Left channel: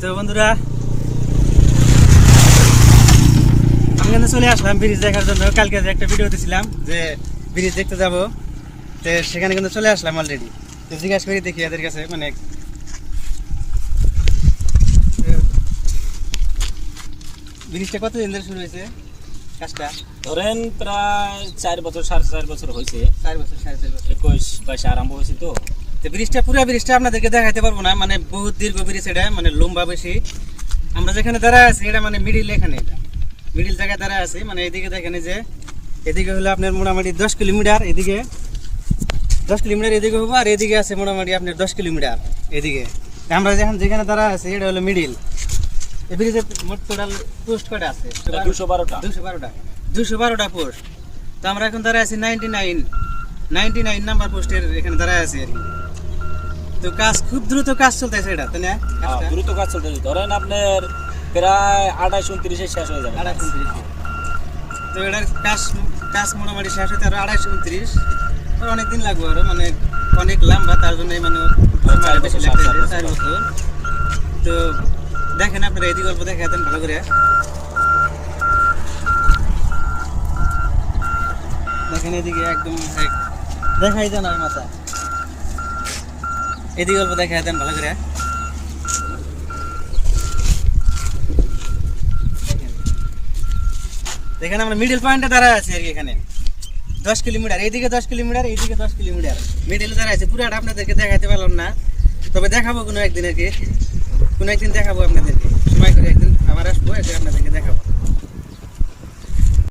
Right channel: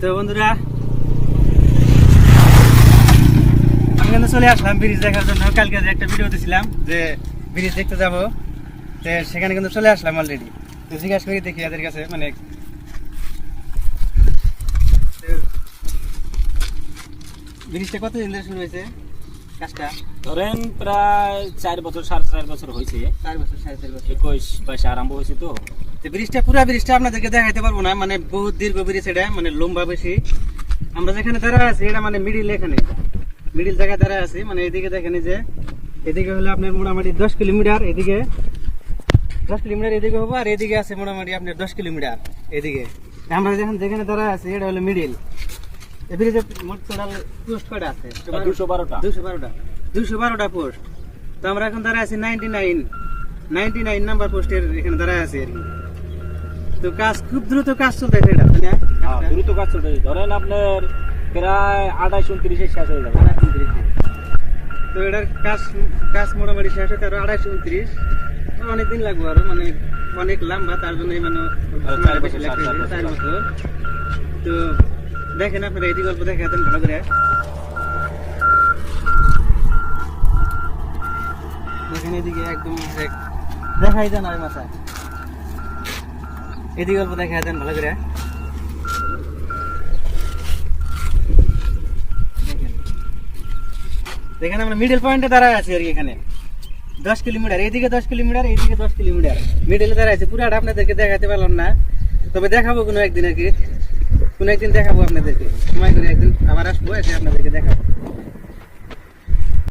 তো বন্ধুরা আমি কিন্তু চলে আসলাম ব্রিজ দেখার জন্য। কালকে যে একটা ভিডিও দিয়েছিলাম যে ব্রিজ দেখতে যাবো, তো সেখানে কিন্তু চলে আসলাম অলরেডি। তো জিজ্ঞাসা করি দেখি এদের কাছে, মানে ব্রিজটা কতদিন ধরে শুরু হয়েছে কাজটা? ধরেন প্রায় 4 বছর 4.5 বছর হয়েছে। 4 বছর 4.5 বছর 21-22 আরম্ভ হয়েছে। তো ব্রিজটা পুরা ব্রিজটা আপনাদেরকে দেখাইতে পারবো না, মানে বহুত দীর্ঘ ব্রিজ, এটা মানে লম্বা বেশি। আমরা যেখানে দাঁড়ায় আছি এটা মানে মিডিল, এখানে মিডিল জায়গায় দাঁড়ায় আছি। মানে এদিকে দেখেন যে এদিকে হলো আপনার মোটামুটি 10 কিলোমিটার, এদিকে 10 কিলোমিটার এদিকে হবো, আর এদিকে আছে মোটামুটি আপনার 10 কিলোমিটার এদিকে। আমরা যেখানে দাঁড়ায় আছি এটা হলো মিডিল। এই ব্রিজের মোট টোটাল পোস্ট কয়টা আছে? 212টা 212টা পোস্ট। তো আমরা এখন দাঁড়ায় আছি 99 নাম্বার পোস্টের এখানে দাঁড়ায় আছি আর কি। তো কাজ খুব দ্রুত কাজ চলতেছে এটা, তাই না? দ্রুত কাজ চলতেছে। ধরেন আপনার প্রায় 28-29 শেষ হয়ে যাবে। 28-29। তো এটার কাজ মোটামুটি শেষ হতে আরো 28-29 অনেকদিন লাগবে, আরো মানে অনেক লম্বা, তার জন্য মানে বেশি লাগবে 4 বছর। তো দেখেন আপনারা এদিকে গল্প দেখে দেন ভালো করে, দেখেন এদিকে একদম দেখাই দেন আর মাথা, এদিকে গল্প দেখে দেন ভালো করে। দেখেন আমরা মিডল পয়েন্টে দাঁড়ায় আছি আর কি। এখানে 10 কিলোমিটার, এইদিকে 10 কিলোমিটার, এইদিকে 10 কিলোমিটার, মিডলে দাঁড়ায় আছে। পুরাটা আপনাদেরকে দেখাতে পারলাম না, তবে দেখাবো কোনো একদিন আর কি। কোনো একদিন দেখাবো আপনাদেরকে, সময় করে একদিন আবার আসবো, এসে আপনাদেরকে দেখাবো।